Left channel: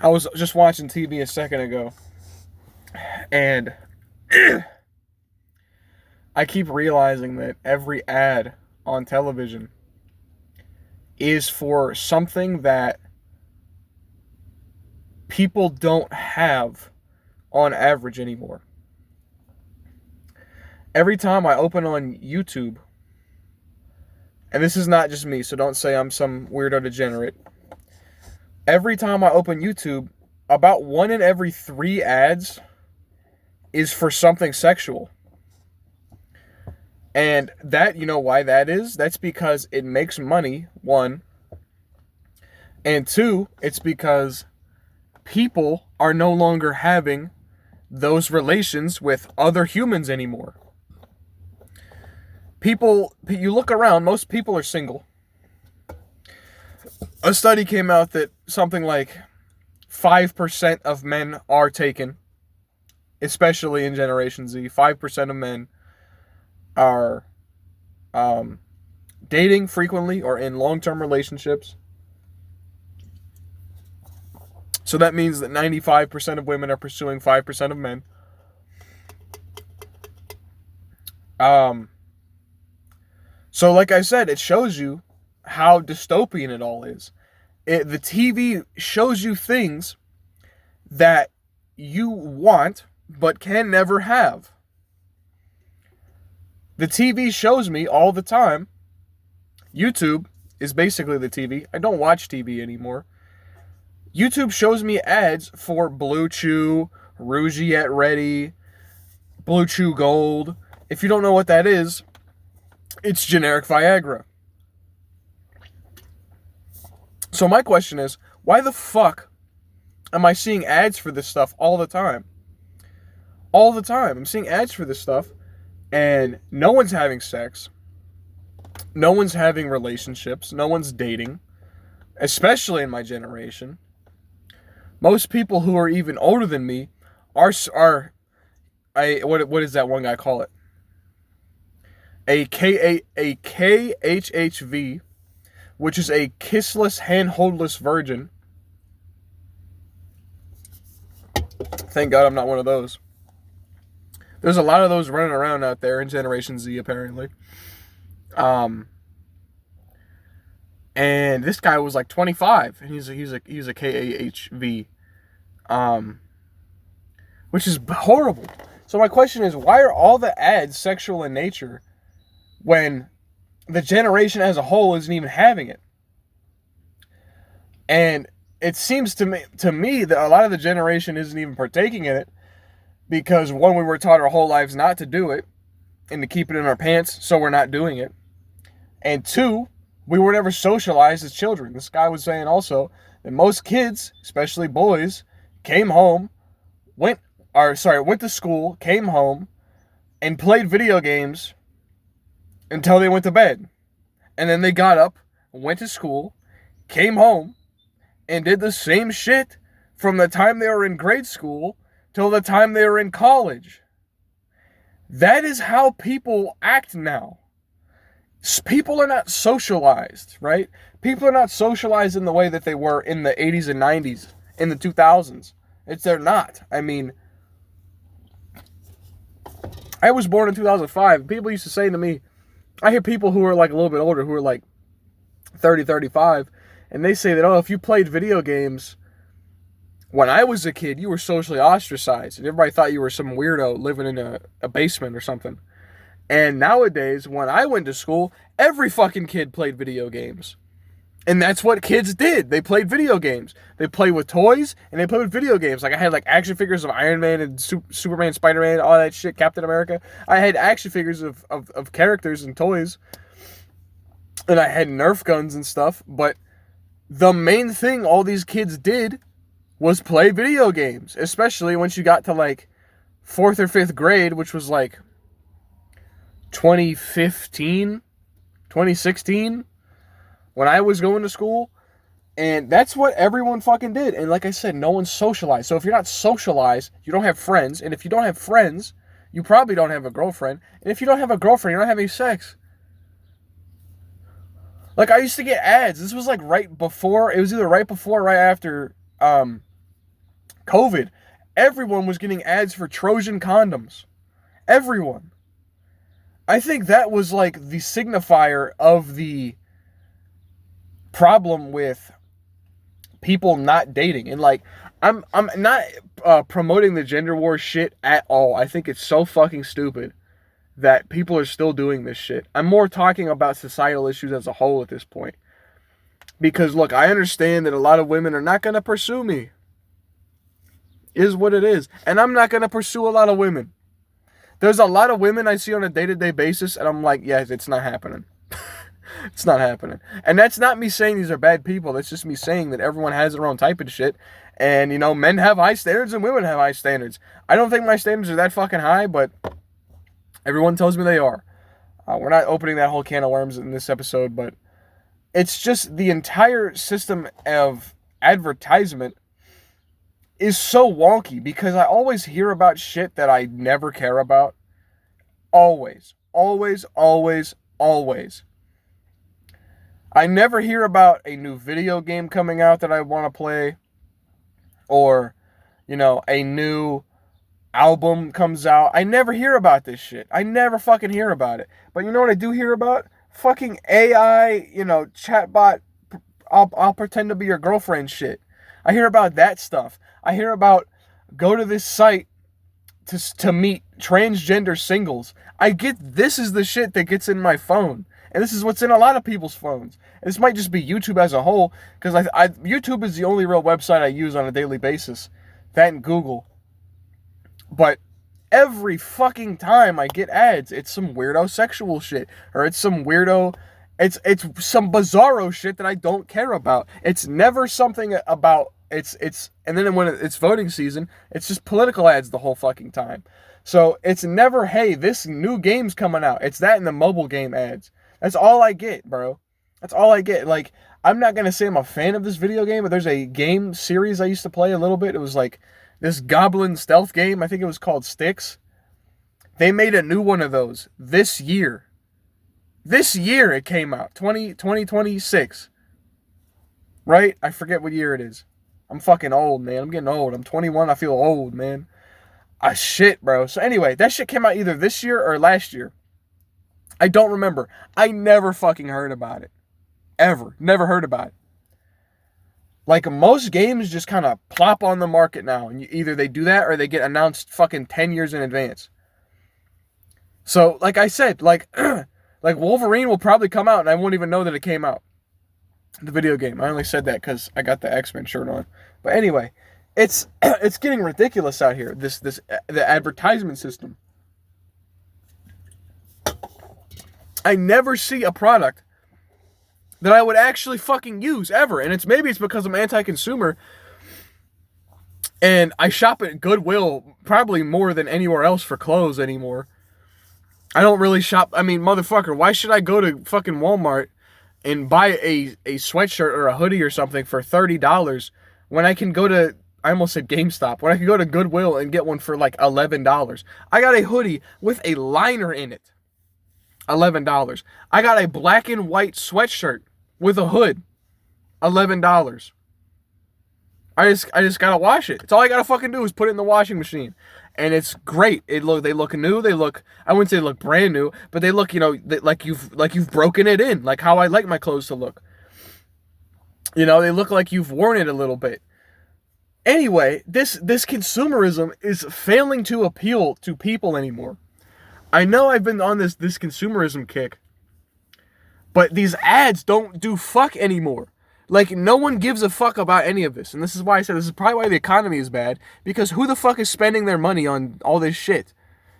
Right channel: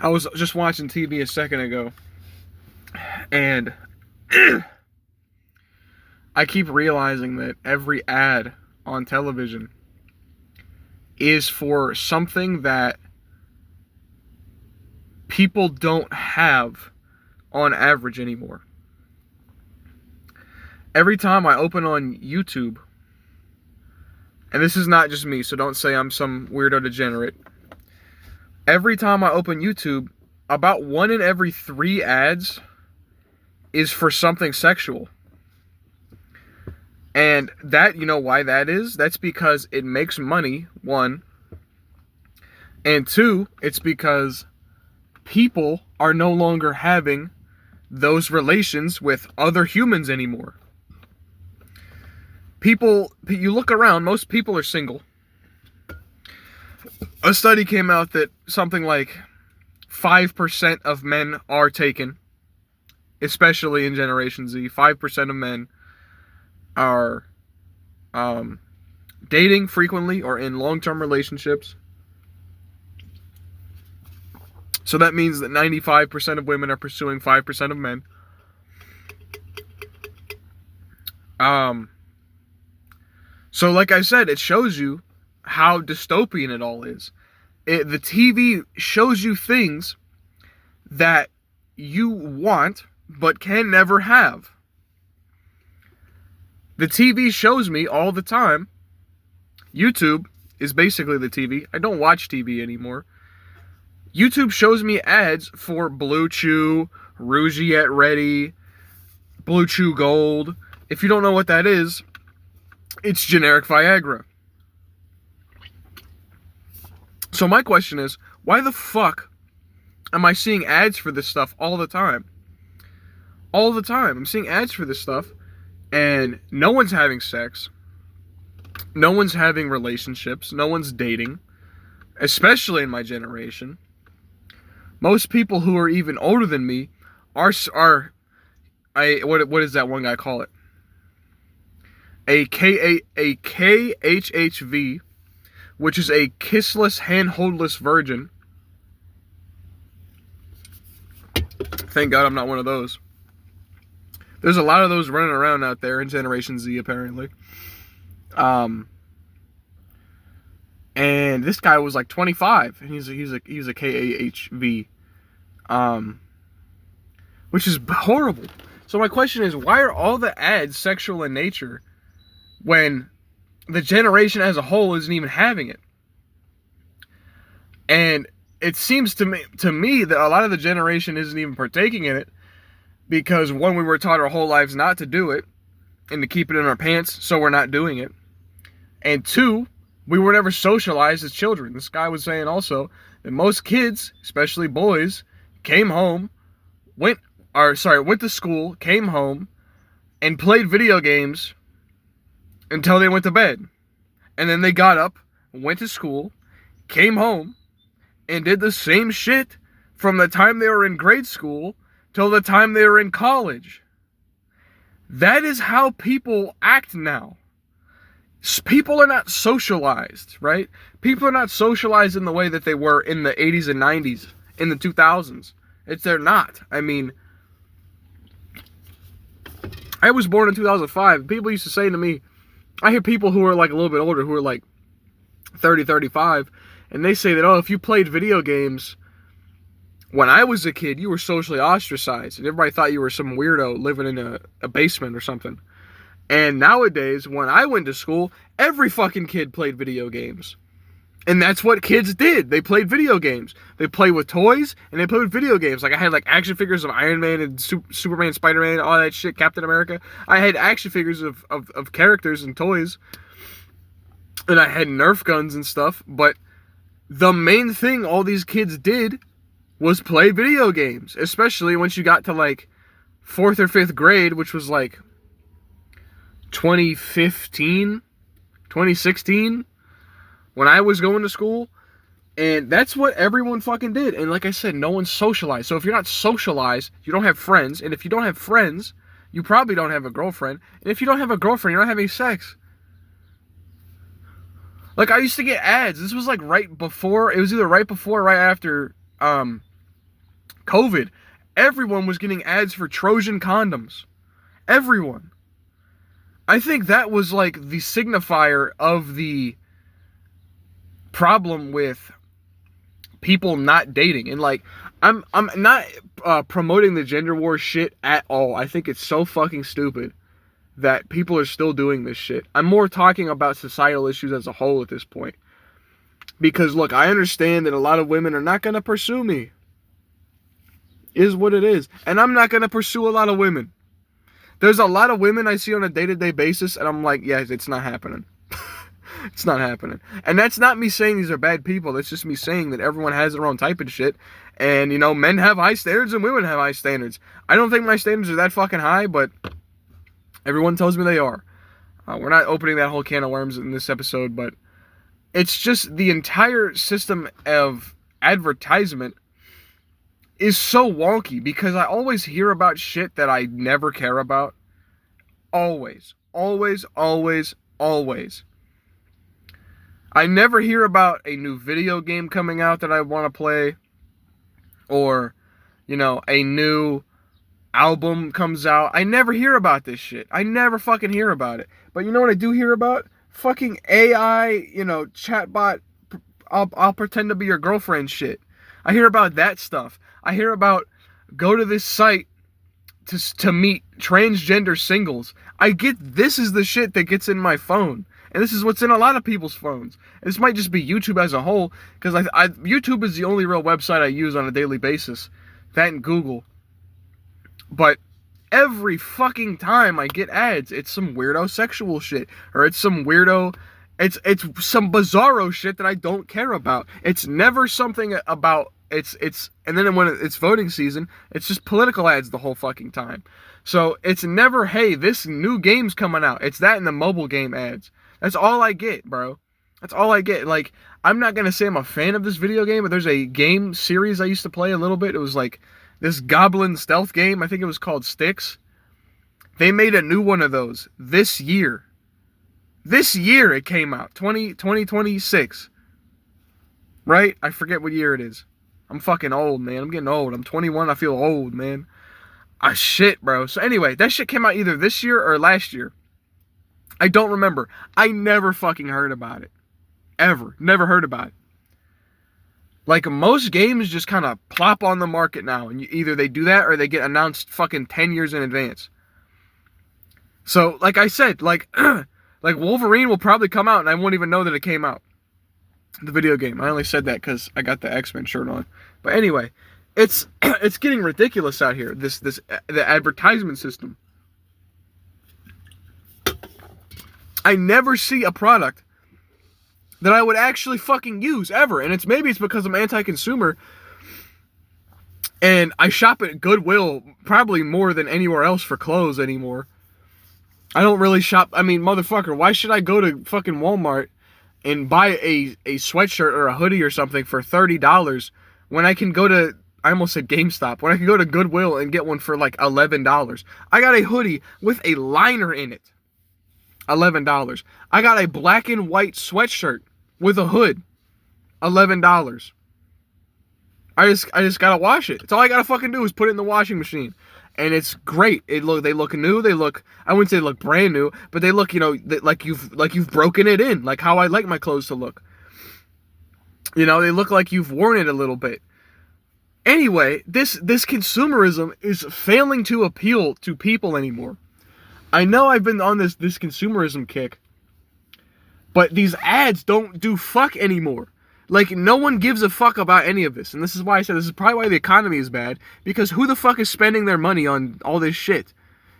I was just watching TV a second ago, and I keep realizing that every ad on television is for something that people don't have on average anymore. Every time I open on YouTube, and this is not just me, so don't say I'm some weirdo degenerate. Every time I open YouTube, about 1 in every 3 ads is for something sexual. And that, you know why that is? That's because it makes money, one. And two, it's because people are no longer having those relations with other humans anymore. People, you look around, most people are single. A study came out that something like 5% of men are taken, especially in Generation Z. 5% of men are dating frequently or in long-term relationships. So that means that 95% of women are pursuing 5% of men. So like I said, it shows you how dystopian it all is. The TV shows you things that you want but can never have. The TV shows me all the time. YouTube is basically the TV. I don't watch TV anymore. YouTube shows me ads for Blue Chew, Rougiette Ready, Blue Chew Gold. If you don't know what that is, it's generic Viagra. So my question is, why the fuck am I seeing ads for this stuff all the time? All the time. I'm seeing ads for this stuff, and no one's having sex. No one's having relationships. No one's dating, especially in my generation. Most people who are even older than me what is that one guy call it? A KHHV, which is a kissless, handholdless virgin. Thank God I'm not one of those. There's a lot of those running around out there in Generation Z, apparently. And this guy was like 25, and he's a KAHV, which is horrible. So my question is, why are all the ads sexual in nature when the generation as a whole isn't even having it? And it seems to me that a lot of the generation isn't even partaking in it because, one, we were taught our whole lives not to do it and to keep it in our pants, so we're not doing it. And two, we were never socialized as children. This guy was saying also that most kids, especially boys, went to school, came home, and played video games until they went to bed. And then they got up, went to school, came home, and did the same shit from the time they were in grade school till the time they were in college. That is how people act now. People are not socialized, right? People are not socialized in the way that they were in the 80s and 90s, in the 2000s. They're not. I mean, I was born in 2005. People used to say to me, I hear people who are like a little bit older, who are like 30, 35, and they say that, oh, if you played video games when I was a kid, you were socially ostracized, and everybody thought you were some weirdo living in a basement or something. And nowadays, when I went to school, every fucking kid played video games. And that's what kids did. They played video games. They played with toys, and they played with video games. Like, I had, like, action figures of Iron Man and Superman, Spider-Man, all that shit, Captain America. I had action figures of characters and toys. And I had Nerf guns and stuff. But the main thing all these kids did was play video games. Especially once you got to, like, 4th or 5th grade, which was, like, 2015, 2016, when I was going to school. And that's what everyone fucking did. And like I said, no one's socialized. So if you're not socialized, you don't have friends. And if you don't have friends, you probably don't have a girlfriend. And if you don't have a girlfriend, you're not having sex. Like, I used to get ads. This was like right before, it was either right before or right after COVID, everyone was getting ads for Trojan condoms. Everyone. I think that was like the signifier of the problem with people not dating. And like, I'm not promoting the gender war shit at all. I think it's so fucking stupid that people are still doing this shit. I'm more talking about societal issues as a whole at this point. Because look, I understand that a lot of women are not going to pursue me. Is what it is. And I'm not going to pursue a lot of women. There's a lot of women I see on a day-to-day basis, and I'm like, yeah, it's not happening. It's not happening. And that's not me saying these are bad people. That's just me saying that everyone has their own type of shit. And, you know, men have high standards and women have high standards. I don't think my standards are that fucking high, but everyone tells me they are. We're not opening that whole can of worms in this episode, but it's just the entire system of advertisement is so wonky because I always hear about shit that I never care about. Always. Always, always, always. I never hear about a new video game coming out that I want to play. Or, you know, a new album comes out. I never hear about this shit. I never fucking hear about it. But you know what I do hear about? Fucking AI, you know, chatbot, I'll pretend to be your girlfriend shit. I hear about that stuff. I hear about go to this site to meet transgender singles. I get this is the shit that gets in my phone. And this is what's in a lot of people's phones. This might just be YouTube as a whole, because YouTube is the only real website I use on a daily basis. That and Google. But every fucking time I get ads, it's some weirdo sexual shit. Or it's some weirdo... It's some bizarro shit that I don't care about. It's never something about... And then when it's voting season, it's just political ads the whole fucking time. So it's never, hey, this new game's coming out. It's that and the mobile game ads. That's all I get, bro. That's all I get. Like, I'm not going to say I'm a fan of this video game, but there's a game series I used to play a little bit. It was like this goblin stealth game. I think it was called Styx. They made a new one of those this year. This year it came out. 2026. Right? I forget what year it is. I'm fucking old, man. I'm getting old. I'm 21. I feel old, man. Shit, bro. So anyway, that shit came out either this year or last year. I don't remember. I never fucking heard about it. Ever. Never heard about it. Like, most games just kind of plop on the market now. And either they do that or they get announced fucking 10 years in advance. So, like I said, like Wolverine will probably come out and I won't even know that it came out. The video game. I only said that because I got the X-Men shirt on. But anyway, it's getting ridiculous out here. The advertisement system. I never see a product that I would actually fucking use ever. And maybe it's because I'm anti-consumer and I shop at Goodwill probably more than anywhere else for clothes anymore. I don't really shop. I mean, motherfucker, why should I go to fucking Walmart and buy a sweatshirt or a hoodie or something for $30 when I can go to, I almost said GameStop, when I can go to Goodwill and get one for like $11. I got a hoodie with a liner in it. $11. I got a black and white sweatshirt with a hood. $11. I just gotta wash it. It's all I gotta fucking do is put it in the washing machine. And it's great. They look new. I wouldn't say they look brand new, but they look, you know, like you've broken it in, like how I like my clothes to look. You know, they look like you've worn it a little bit. Anyway, this consumerism is failing to appeal to people anymore. I know I've been on this consumerism kick, but these ads don't do fuck anymore. Like, no one gives a fuck about any of this. And this is why I said this is probably why the economy is bad. Because who the fuck is spending their money on all this shit?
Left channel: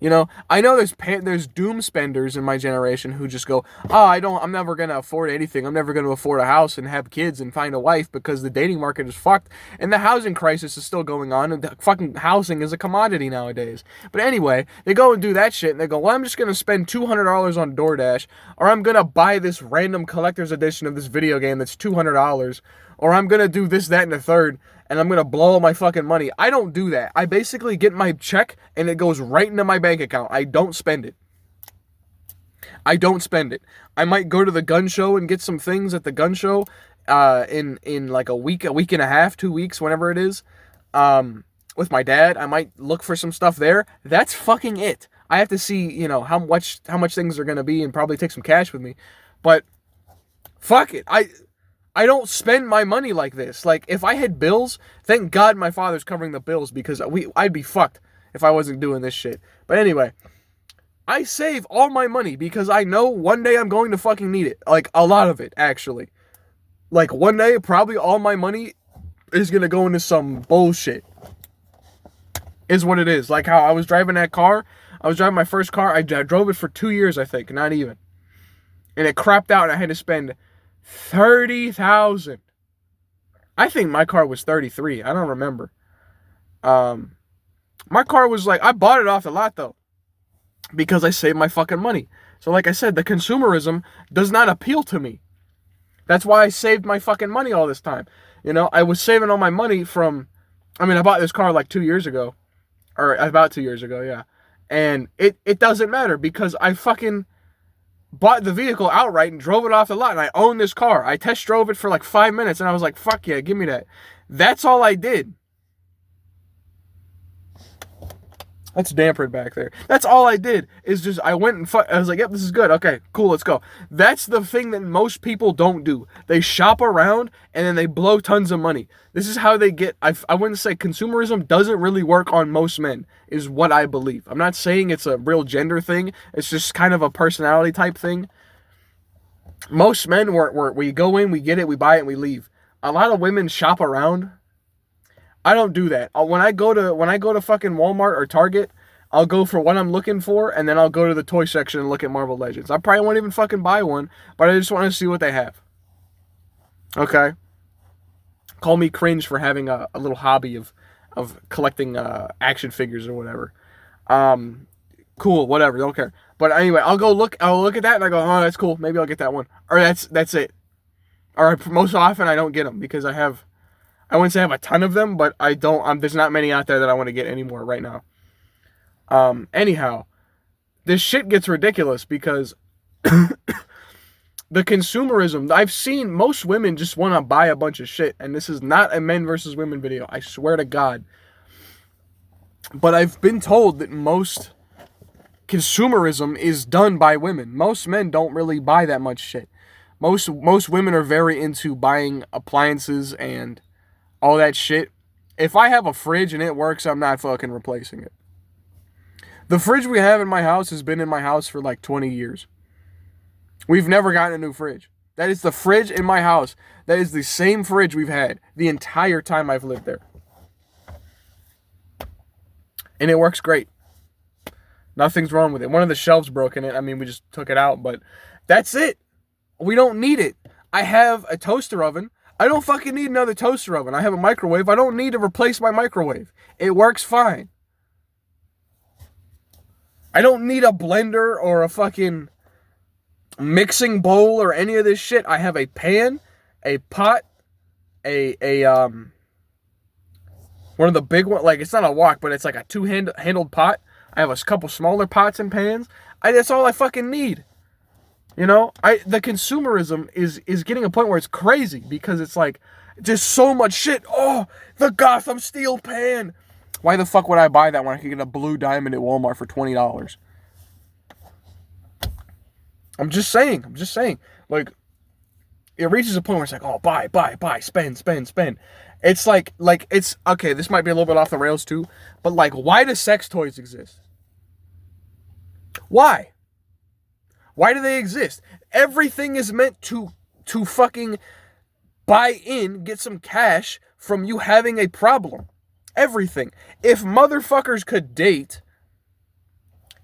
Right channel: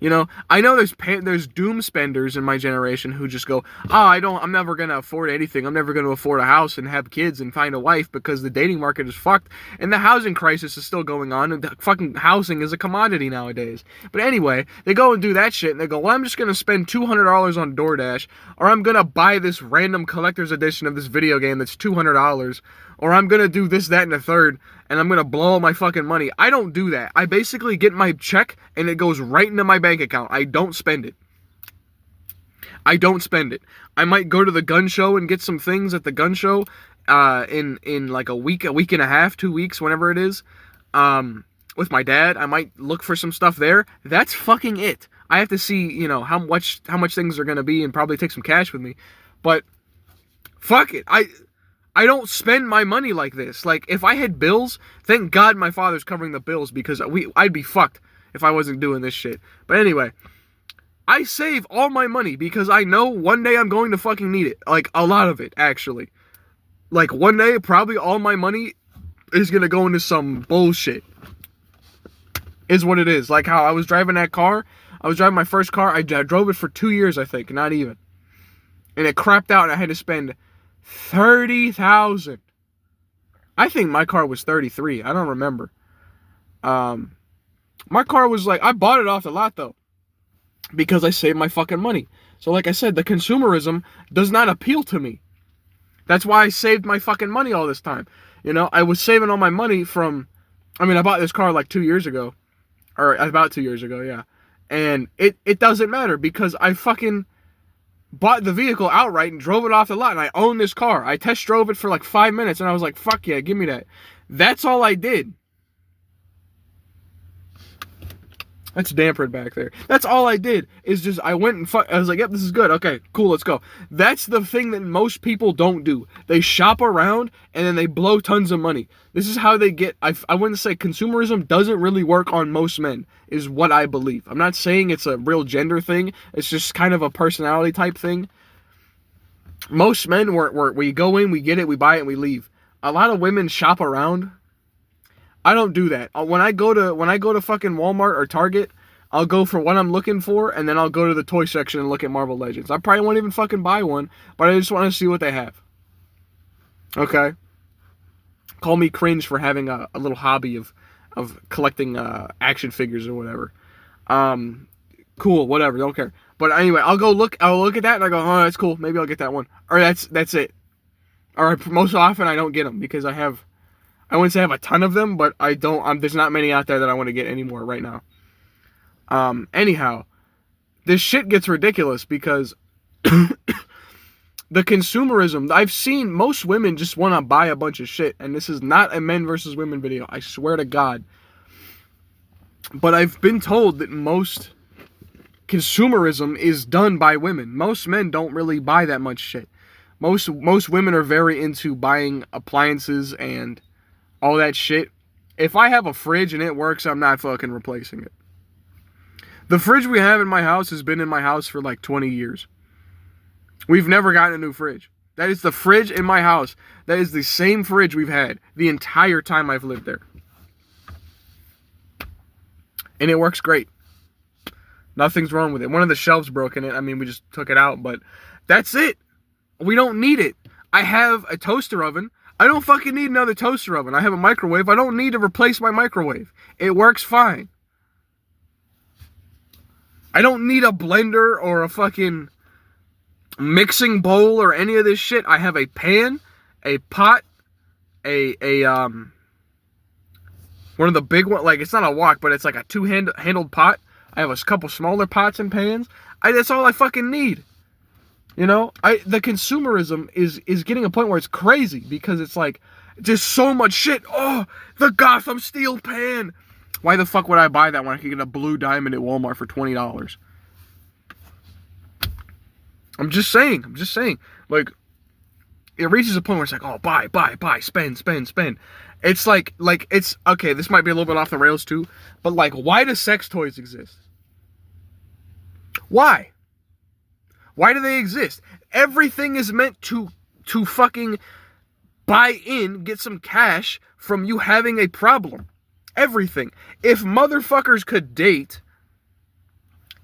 You know, I know there's doom spenders in my generation who just go, I'm never going to afford anything. I'm never going to afford a house and have kids and find a wife because the dating market is fucked. And the housing crisis is still going on. And the fucking housing is a commodity nowadays. But anyway, they go and do that shit. And they go, well, I'm just going to spend $200 on DoorDash. Or I'm going to buy this random collector's edition of this video game that's $200. Or I'm going to do this, that, and the third. And I'm going to blow all my fucking money. I don't do that. I basically get my check and it goes right into my bank account. I don't spend it. I don't spend it. I might go to the gun show and get some things at the gun show in like a week and a half, 2 weeks, whenever it is. with my dad. I might look for some stuff there. That's fucking it. I have to see, how much things are gonna be and probably take some cash with me. But fuck it. I don't spend my money like this. Like, if I had bills, thank God my father's covering the bills, because I'd be fucked if I wasn't doing this shit. But anyway, I save all my money because I know one day I'm going to fucking need it. Like, a lot of it, actually. Like, one day, probably all my money is gonna go into some bullshit. Is what it is. Like how I was driving that car. I was driving my first car. I drove it for 2 years, I think. Not even. And it crapped out and I had to spend $30,000. I think my car was 33. I don't remember. My car was like, I bought it off the lot though, because I saved my fucking money. So like I said, the consumerism does not appeal to me. That's why I saved my fucking money all this time. I was saving all my money from, I bought this car like 2 years ago. Or about 2 years ago, yeah. And it doesn't matter because I fucking bought the vehicle outright and drove it off the lot, and I own this car. I test drove it for like 5 minutes and I was like, fuck yeah, give me that. That's all I did. That's dampered back there. That's all I did is just, I went and I was like, yep, this is good. Okay, cool, let's go. That's the thing that most people don't do. They shop around and then they blow tons of money. This is how they get, I wouldn't say consumerism doesn't really work on most men, is what I believe. I'm not saying it's a real gender thing. It's just kind of a personality type thing. Most men, we go in, we get it, we buy it, and we leave. A lot of women shop around. I don't do that. When I go to fucking Walmart or Target, I'll go for what I'm looking for, and then I'll go to the toy section and look at Marvel Legends. I probably won't even fucking buy one, but I just want to see what they have. Okay? Call me cringe for having a little hobby of collecting action figures or whatever. Cool, whatever, don't care. But anyway, I'll look at that and I go, oh, that's cool. Maybe I'll get that one. Or that's it. Or most often I don't get them because I wouldn't say I have a ton of them, but I don't. There's not many out there that I want to get anymore right now. Anyhow, this shit gets ridiculous because the consumerism. I've seen most women just want to buy a bunch of shit, and this is not a men versus women video. I swear to God. But I've been told that most consumerism is done by women. Most men don't really buy that much shit. Most women are very into buying appliances and all that shit. If I have a fridge and it works, I'm not fucking replacing it. The fridge we have in my house has been in my house for like 20 years. We've never gotten a new fridge. That is the fridge in my house. That is the same fridge we've had the entire time I've lived there. And it works great. Nothing's wrong with it. One of the shelves broke in it. We just took it out, but that's it. We don't need it. I have a toaster oven. I don't fucking need another toaster oven. I have a microwave. I don't need to replace my microwave. It works fine. I don't need a blender or a fucking mixing bowl or any of this shit. I have a pan, a pot, one of the big ones, like it's not a wok, but it's like a two-handled pot. I have a couple smaller pots and pans. That's all I fucking need. The consumerism is getting a point where it's crazy because it's like just so much shit. Oh, the Gotham steel pan. Why the fuck would I buy that when I could get a blue diamond at Walmart for $20? I'm just saying. Like, it reaches a point where it's like, oh, buy, spend. It's like it's okay. This might be a little bit off the rails too, but like, why do sex toys exist? Why? Why do they exist? Everything is meant to fucking buy in, get some cash from you having a problem. Everything. If motherfuckers could date,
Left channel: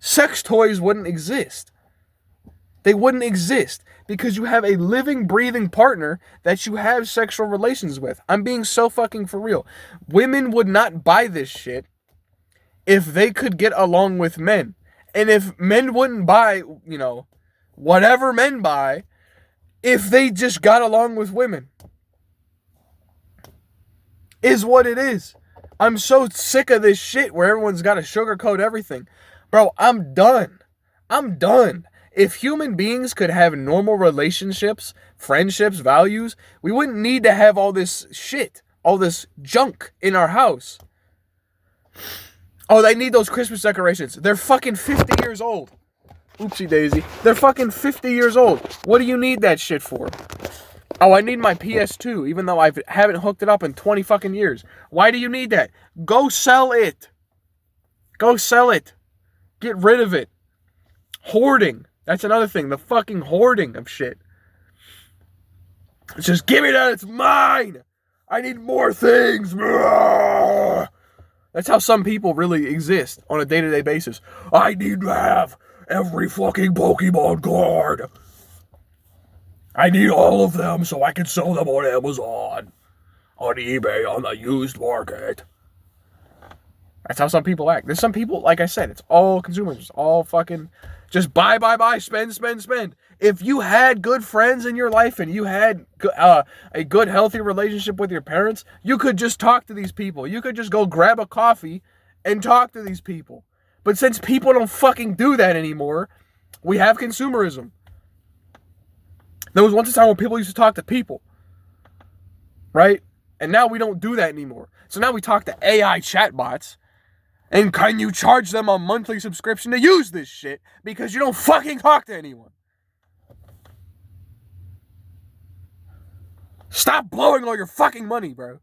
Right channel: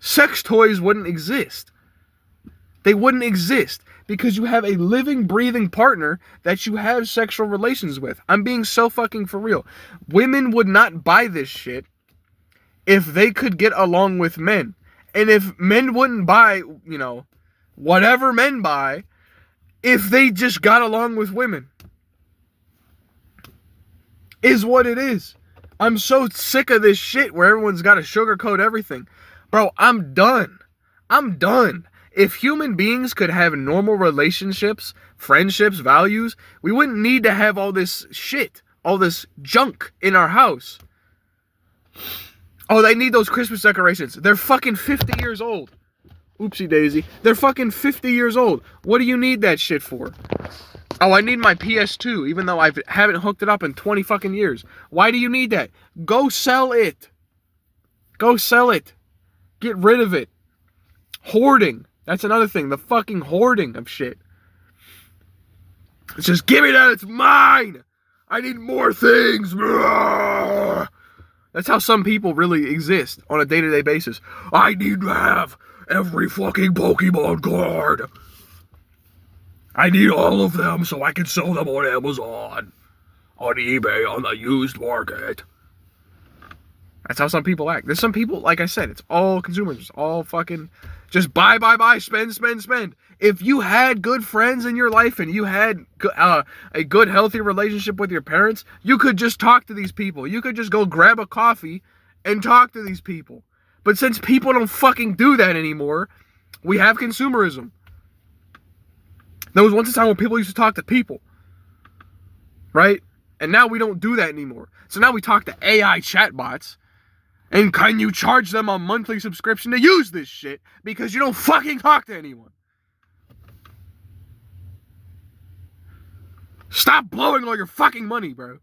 sex toys wouldn't exist. They wouldn't exist because you have a living, breathing partner that you have sexual relations with. I'm being so fucking for real. Women would not buy this shit if they could get along with men. And if men wouldn't buy, whatever men buy, if they just got along with women. Is what it is. I'm so sick of this shit where everyone's got to sugarcoat everything. Bro, I'm done. If human beings could have normal relationships, friendships, values, we wouldn't need to have all this shit, all this junk in our house. Oh, they need those Christmas decorations. They're fucking 50 years old. Oopsie daisy. They're fucking 50 years old. What do you need that shit for? Oh, I need my PS2, even though I haven't hooked it up in 20 fucking years. Why do you need that? Go sell it. Go sell it. Get rid of it. Hoarding. That's another thing. The fucking hoarding of shit. It's just, give me that. It's mine. I need more things. That's how some people really exist on a day-to-day basis. I need to have every fucking Pokemon card. I need all of them so I can sell them on Amazon, on eBay, on the used market. That's how some people act. There's some people, like I said, it's all consumers. It's all fucking just buy, spend. If you had good friends in your life and you had a good, healthy relationship with your parents, you could just talk to these people. You could just go grab a coffee and talk to these people. But since people don't fucking do that anymore, we have consumerism. There was once a time when people used to talk to people, right? And now we don't do that anymore. So now we talk to AI chatbots. And can you charge them a monthly subscription to use this shit? Because you don't fucking talk to anyone. Stop blowing all your fucking money, bro.